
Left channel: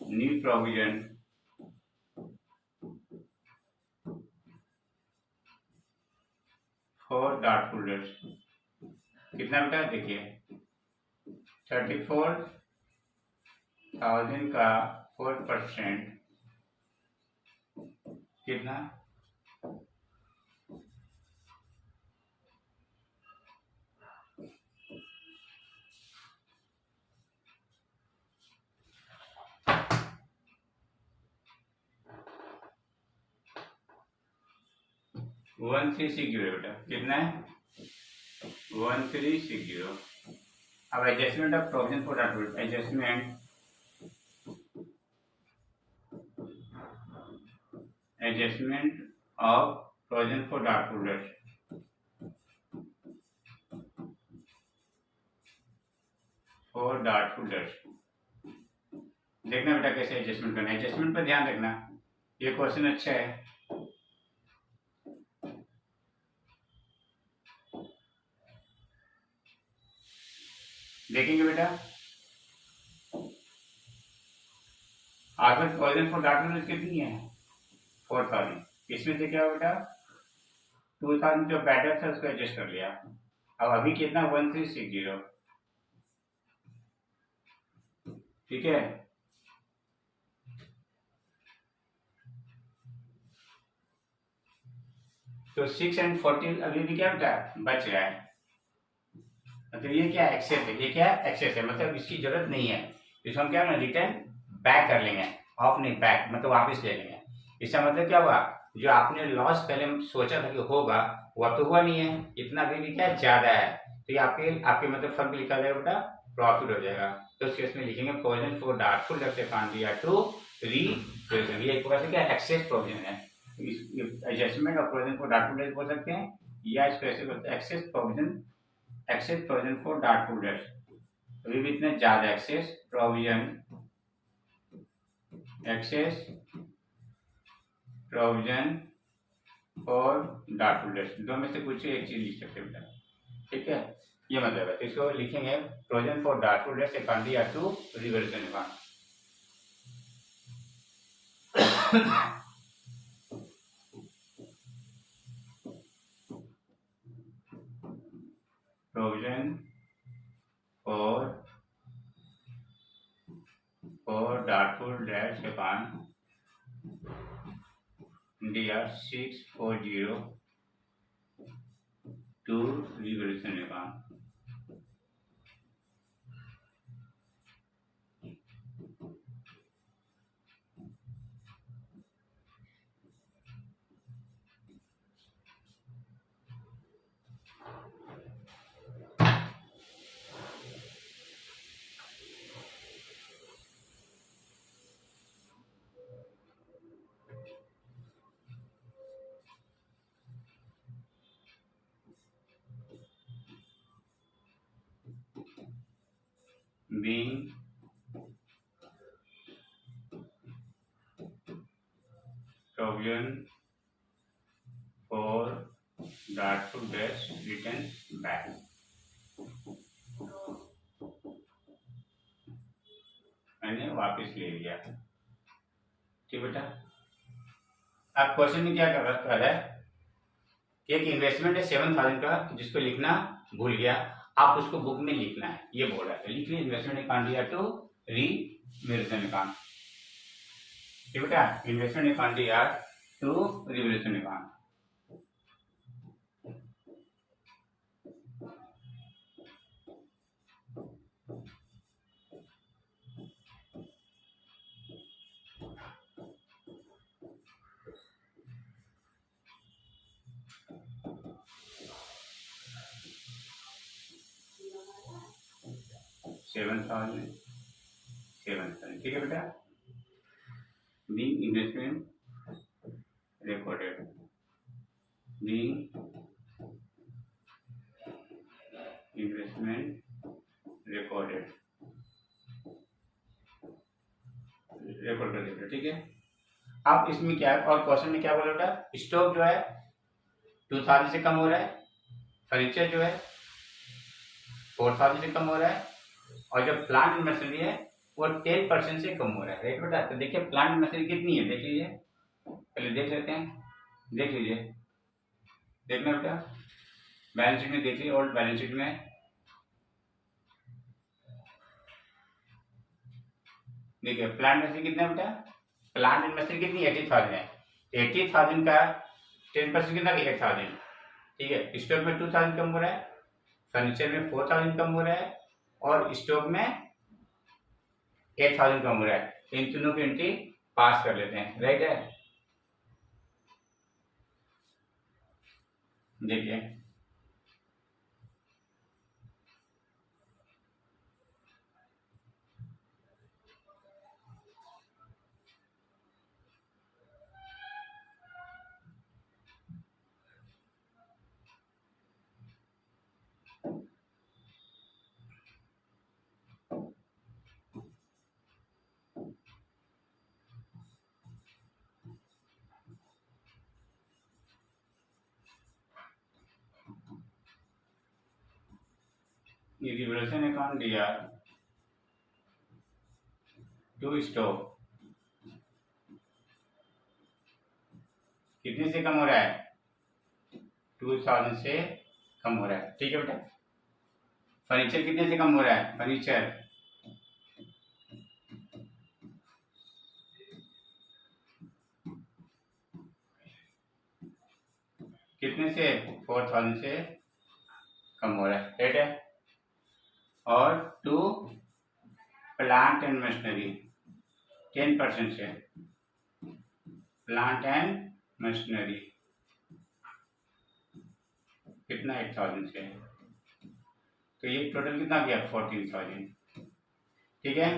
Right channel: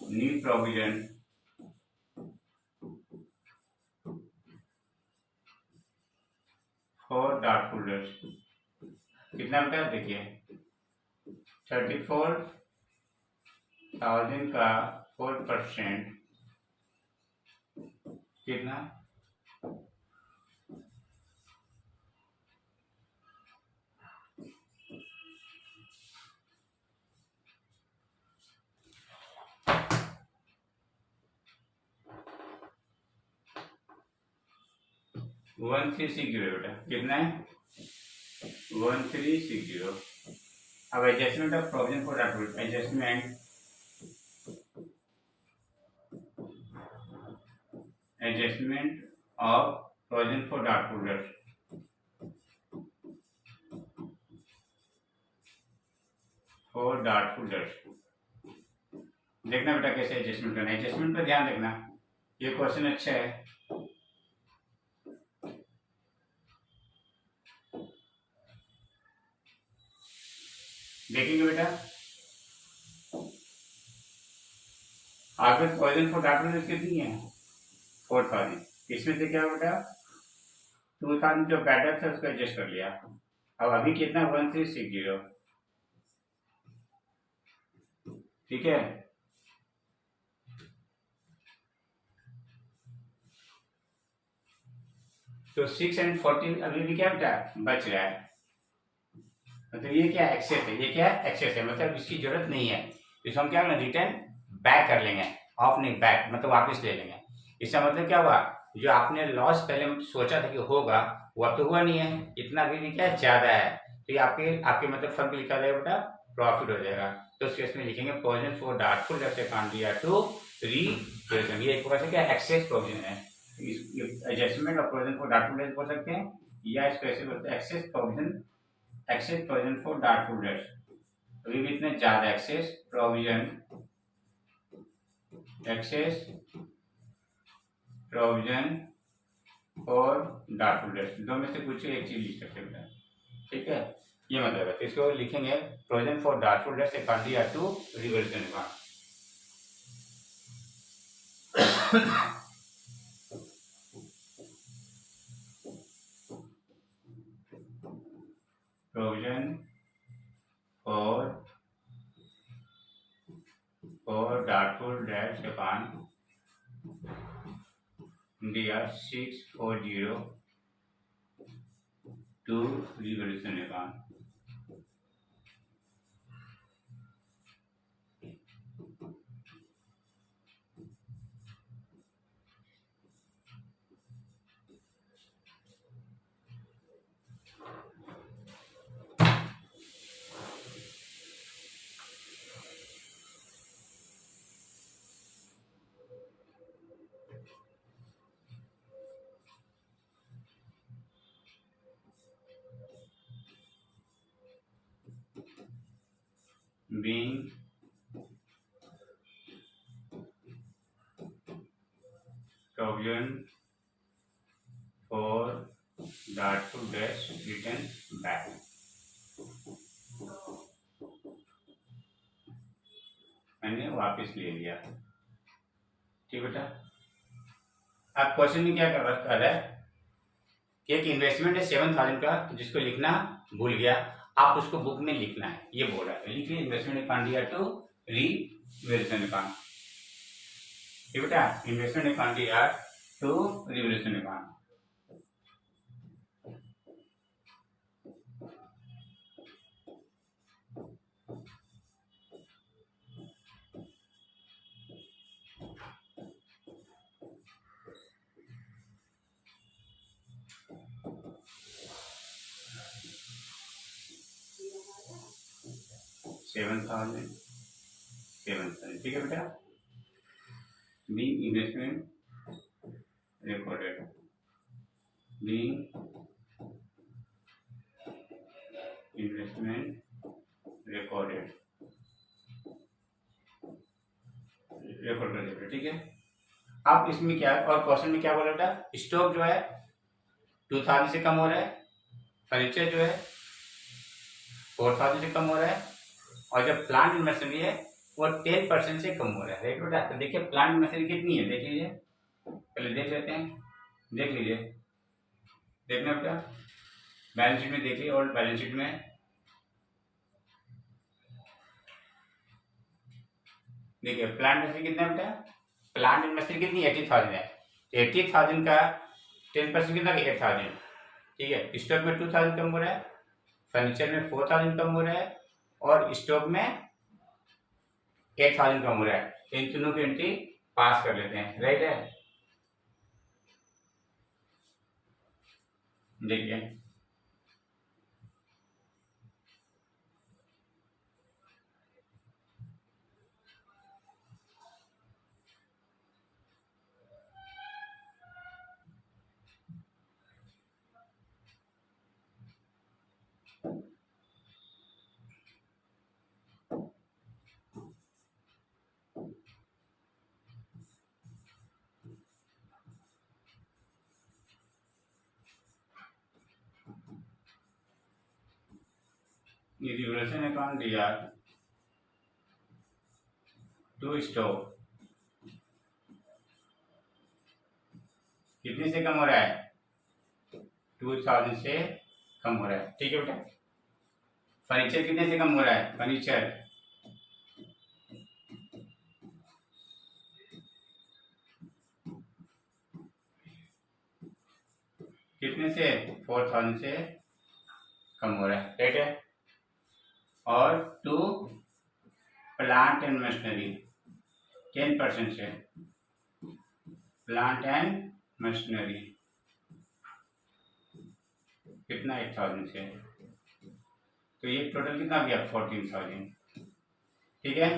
new provision for doubtful dates कितना बेटा, देखिए 34,000 का 4% कितना, 1360 बेटा, कितना है 1360। अब adjustment of provision for doubtful, adjustment of provision for doubtful dates, for doubtful dates. देखना बेटा कैसे एडजस्टमेंट करना है, एडजस्टमेंट पर ध्यान रखना, ये क्वेश्चन अच्छा है। देखेंगे बेटा यहाँ पे प्रोविजन फॉर डाटा कितनी है 4000, इसमें से क्या बेटा 2000 जो बैटर था उसको एडजस्ट कर लिया। अब अभी कितना 1360, ठीक है। तो 6 and 40 अभी भी क्या बेटा बच रहा है, मतलब ये क्या एक्सेस है, ये क्या एक्सेस है, मतलब इसकी जरूरत नहीं है, इसको हम क्या रिटर्न बैक कर लेंगे, ऑफ नहीं बैक मतलब वापस ले लेंगे। इसका मतलब क्या हुआ, जो आपने लॉस पहले सोचा था कि होगा वह तो हुआ नहीं है, इतना भी क्या ज्यादा है, तो ये आपके आपके मतलब फर्म पे लिखा जाएगा बेटा प्रॉफिट हो जाएगा। तो उस केस में लिखेंगे provision for doubtful debt account to री, ये एक प्रकार से क्या एक्सेस प्रोविजन है, adjustment of provision for doubtful debt बोल सकते हैं, या इसको ऐसे बोलते हैं excess provision for doubtful debts. अभी भी इतना ज्यादा एक्सेस प्रोविजन और डाउटफुल डेट्स, दो में से कुछ एक चीज लिख सकते हैं, ठीक है, ये मतलब है। तो इसको लिखेंगे provision for doubtful debts account to reversion account. प्रोविजन for doubtful debts account India 640 to revolution account। Being provision for doubtful debts written back। मैंने वापस ले लिया, ठीक बेटा। अब क्वेश्चन में क्या कर रहा है कि एक इन्वेस्टमेंट है 7000 का जिसको लिखना भूल गया, आप उसको बुक में लिखना है, ये बोल रहा है, लिखिए investment account to revolution account, ठीक बेटा, investment account to revolution account. Seven thousand, ठीक है बेटा। Being investment recorded, being investment recorded, record कर दिया, ठीक है। अब इसमें क्या है, और क्वेश्चन में क्या बोला बेटा, स्टॉक जो है 2000 से कम हो रहा है, फर्नीचर जो है 4000 से कम हो रहा है, और जब प्लांट एंड मशीनरी है वो 10% से कम हो रहा है, राइट बेटा। तो देखिए प्लांट एंड मशीनरी कितनी है, देख लीजिए, पहले देख लेते हैं, देख लीजिए, देखना बेटा बैलेंस शीट में देख लीजिए, ओल्ड बैलेंस शीट में देखिए प्लांट मशीनरी कितना बेटा, प्लांट एंड मशीनरी कितनी 80,000 है, 80,000 का 10% कितना 8000, ठीक है। स्टॉक में 2000 कम हो रहा है, फर्नीचर में 4000 कम हो रहा है, और स्टॉक में 8000 कम हो रहा है, तो इन तीनों की एंट्री पास कर लेते हैं, राइट है। देखिए ये रिवोल्यूशन अकाउंट दिया टू स्टॉक कितने से कम हो रहा है? 2000 से कम हो रहा है। ठीक है बेटा। फर्नीचर कितने से कम हो रहा है? फर्नीचर कितने से? 4000 से कम हो रहा है। ठीक है। और टू प्लांट एंड मशीनरी 10% से, प्लांट एंड मशीनरी कितना? 8000 से। तो ये टोटल कितना गया? 14000। ठीक है।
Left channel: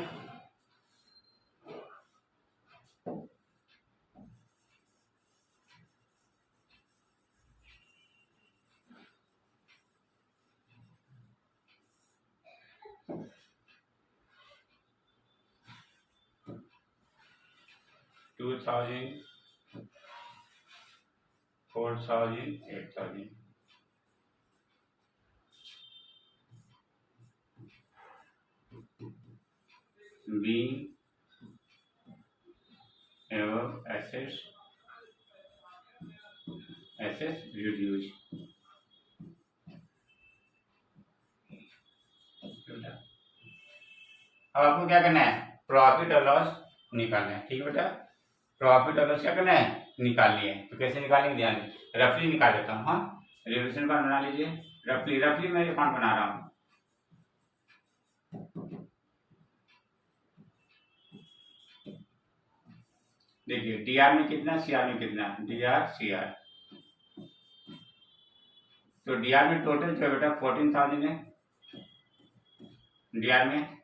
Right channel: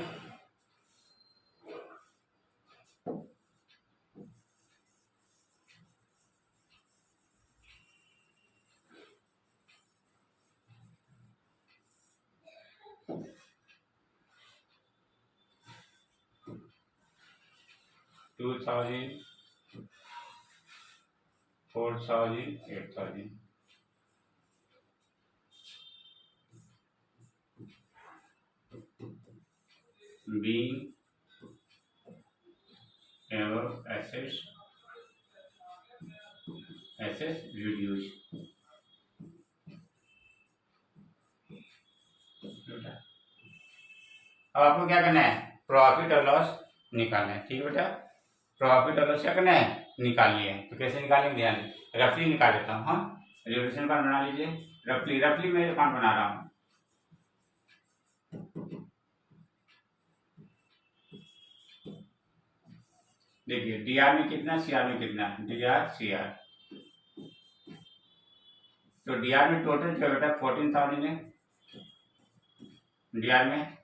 To 4000 8000 being above assets reduced। अब आपको क्या करना है? प्रॉफिट और लॉस निकालना है। ठीक है बेटा। प्रॉफिट और लॉस क्या करना है? निकाल लिए। तो कैसे निकालेंगे? ध्यान रफली निकाल लेता हूँ। हाँ, रिवोल्यूशन अकाउंट बना लीजिए। रफली मैं अकाउंट बना रहा हूँ। देखिए डीआर में कितना, सीआर में कितना? DR CR. तो डीआर में टोटल जो बेटा 14000 है डीआर में,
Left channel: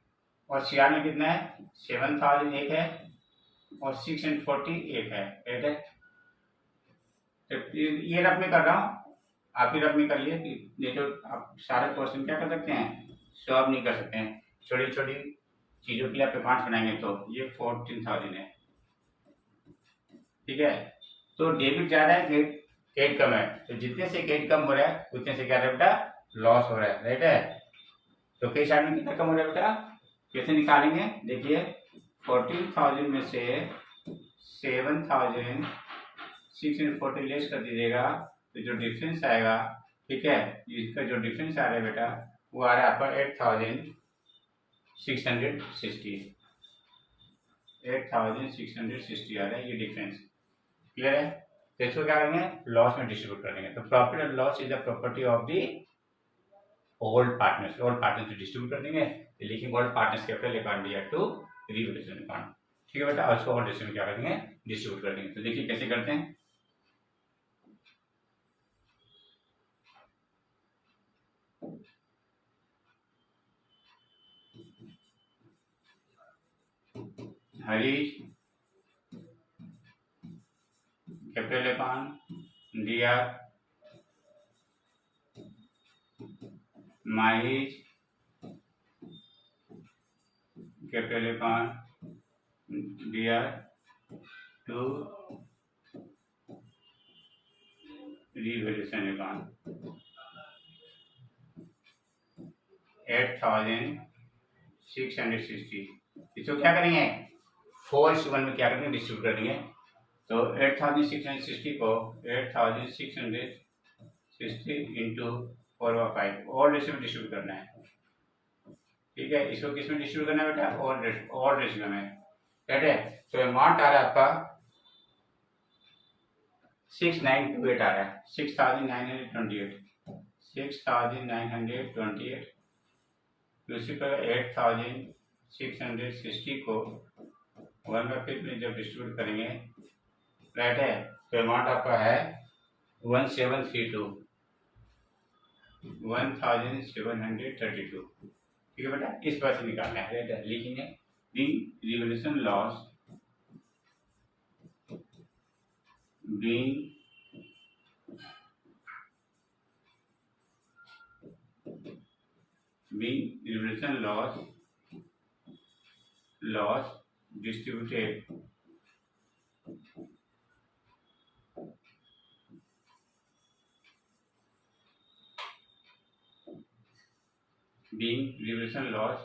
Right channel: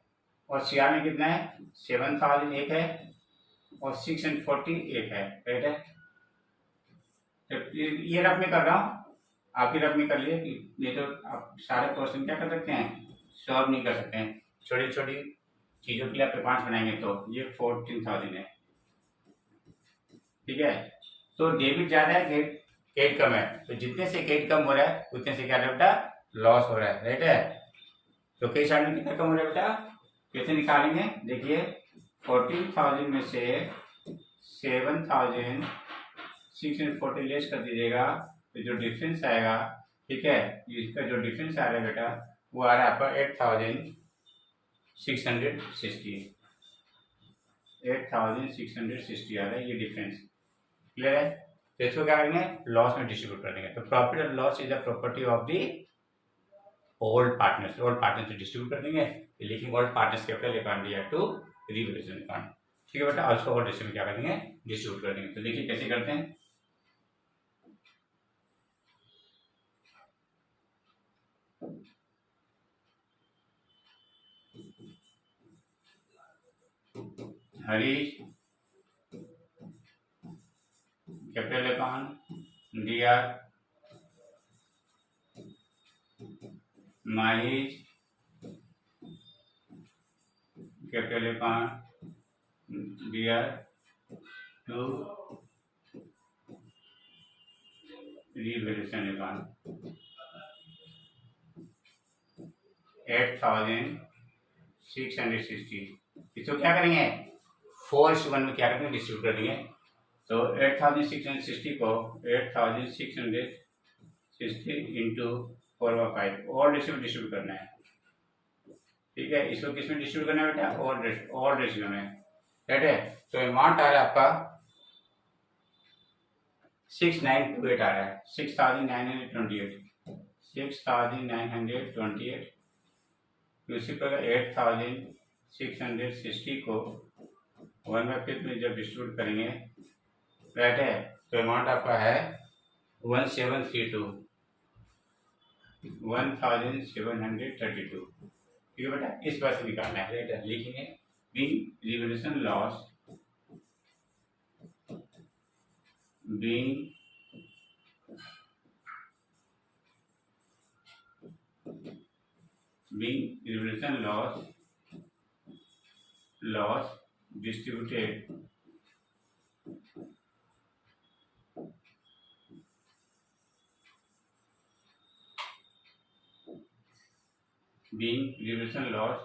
और सीआर में कितना है? 7000 एक है और 640 एक है। राइट है। तो ये रफ में कर रहा हूँ, आप ही रफ में कर लिए कि नहीं तो आप सारे क्वेश्चन क्या कर सकते हैं? सॉल्व नहीं कर सकते हैं। छोटी छोटी चीजों के लिए आप अकाउंट बनाएंगे। तो ये 14000 है। ठीक है। तो डेबिट ज्यादा है, क्रेडिट कम है। तो जितने से क्रेडिट कम हो रहा है उतने से क्या बेटा? लॉस हो रहा है। राइट है। तो कैश चार्ट में कितना कम हो रहा है बेटा? कैसे निकालेंगे? देखिए 14000 में से 7640 लेस कर दीजिएगा तो जो डिफरेंस आएगा, ठीक है, इसका जो डिफरेंस आ रहा है बेटा वो आ रहा है आपका 8660 8660 आ रहा है ये डिफरेंस। क्लियर है। तो इसको क्या करेंगे? लॉस में डिस्ट्रीब्यूट कर देंगे। तो profit and loss is the property of the old partners. Old partners से डिस्ट्रीब्यूट कर देंगे। लिखिंग ओल्ड पार्टनर्स कैपिटल अकाउंट दिया टू रिवोल्यूशन अकाउंट। ठीक है बेटा। और उसको और डिस्ट्रीब्यूट क्या करेंगे? डिस्ट्रीब्यूट कर देंगे। तो देखिए कैसे करते हैं। हरीश कैपिटल अकाउंट दिया, माहिश कैपिटल अकाउंट दिया टू रिवोल्यूशन अकाउंट 8660। इसको क्या करेंगे? 4:1 में क्या करेंगे? डिस्ट्रीब्यूट कर देंगे। तो 8660 को 8660 इंटू 4/5 और डिस्ट्रीब्यूट करना है। ठीक है। इसको किस में डिस्ट्रीब्यूट करना है बेटा? और रेशियो में। राइट है। तो अमाउंट आ रहा है आपका 6928 आ रहा है। 6928 उसी पर 8660 को 1/5 में जब डिस्ट्रीब्यूट करेंगे, राइट है, तो अमाउंट आपका है 1732। ठीक है बेटा। इस बार से निकालना है। राइट है। लिखेंगे revolution loss revolution loss distributed being revolution loss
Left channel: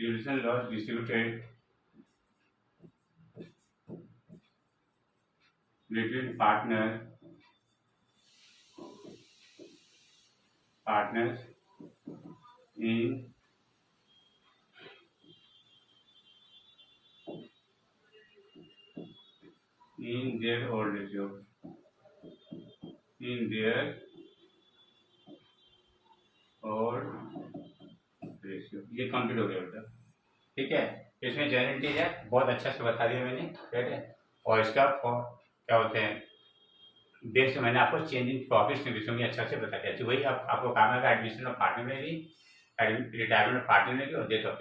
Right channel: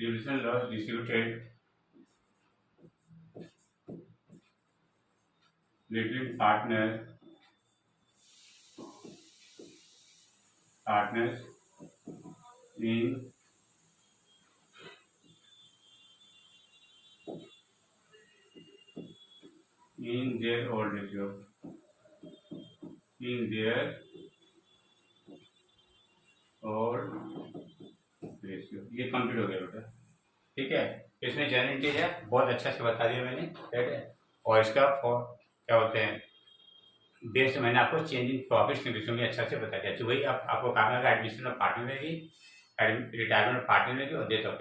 revolution loss distributed between partners in their old ratio, in their old ratio। ये कंप्लीट हो गया बेटा, ठीक है। इसमें जनरल चीज है, बहुत अच्छा से बता दिया मैंने, ठीक है। और इसका फॉर क्या होते हैं बेस मैंने आपको चेंज इन प्रॉफिट्स निवेशों में अच्छा से बता दिया। वही आपको काम है एडमिशन ऑफ पार्टनर में भी, रिटायरमेंट ऑफ पार्टनर में भी और डेथ ऑफ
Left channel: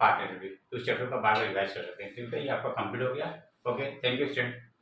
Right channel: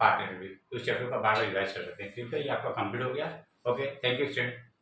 पार्टनर में भी। तो उस चैप्टर का बार बार रिवाइज कर सकते हैं, ठीक है। ये आपका कंप्लीट हो गया। Okay, thank you student.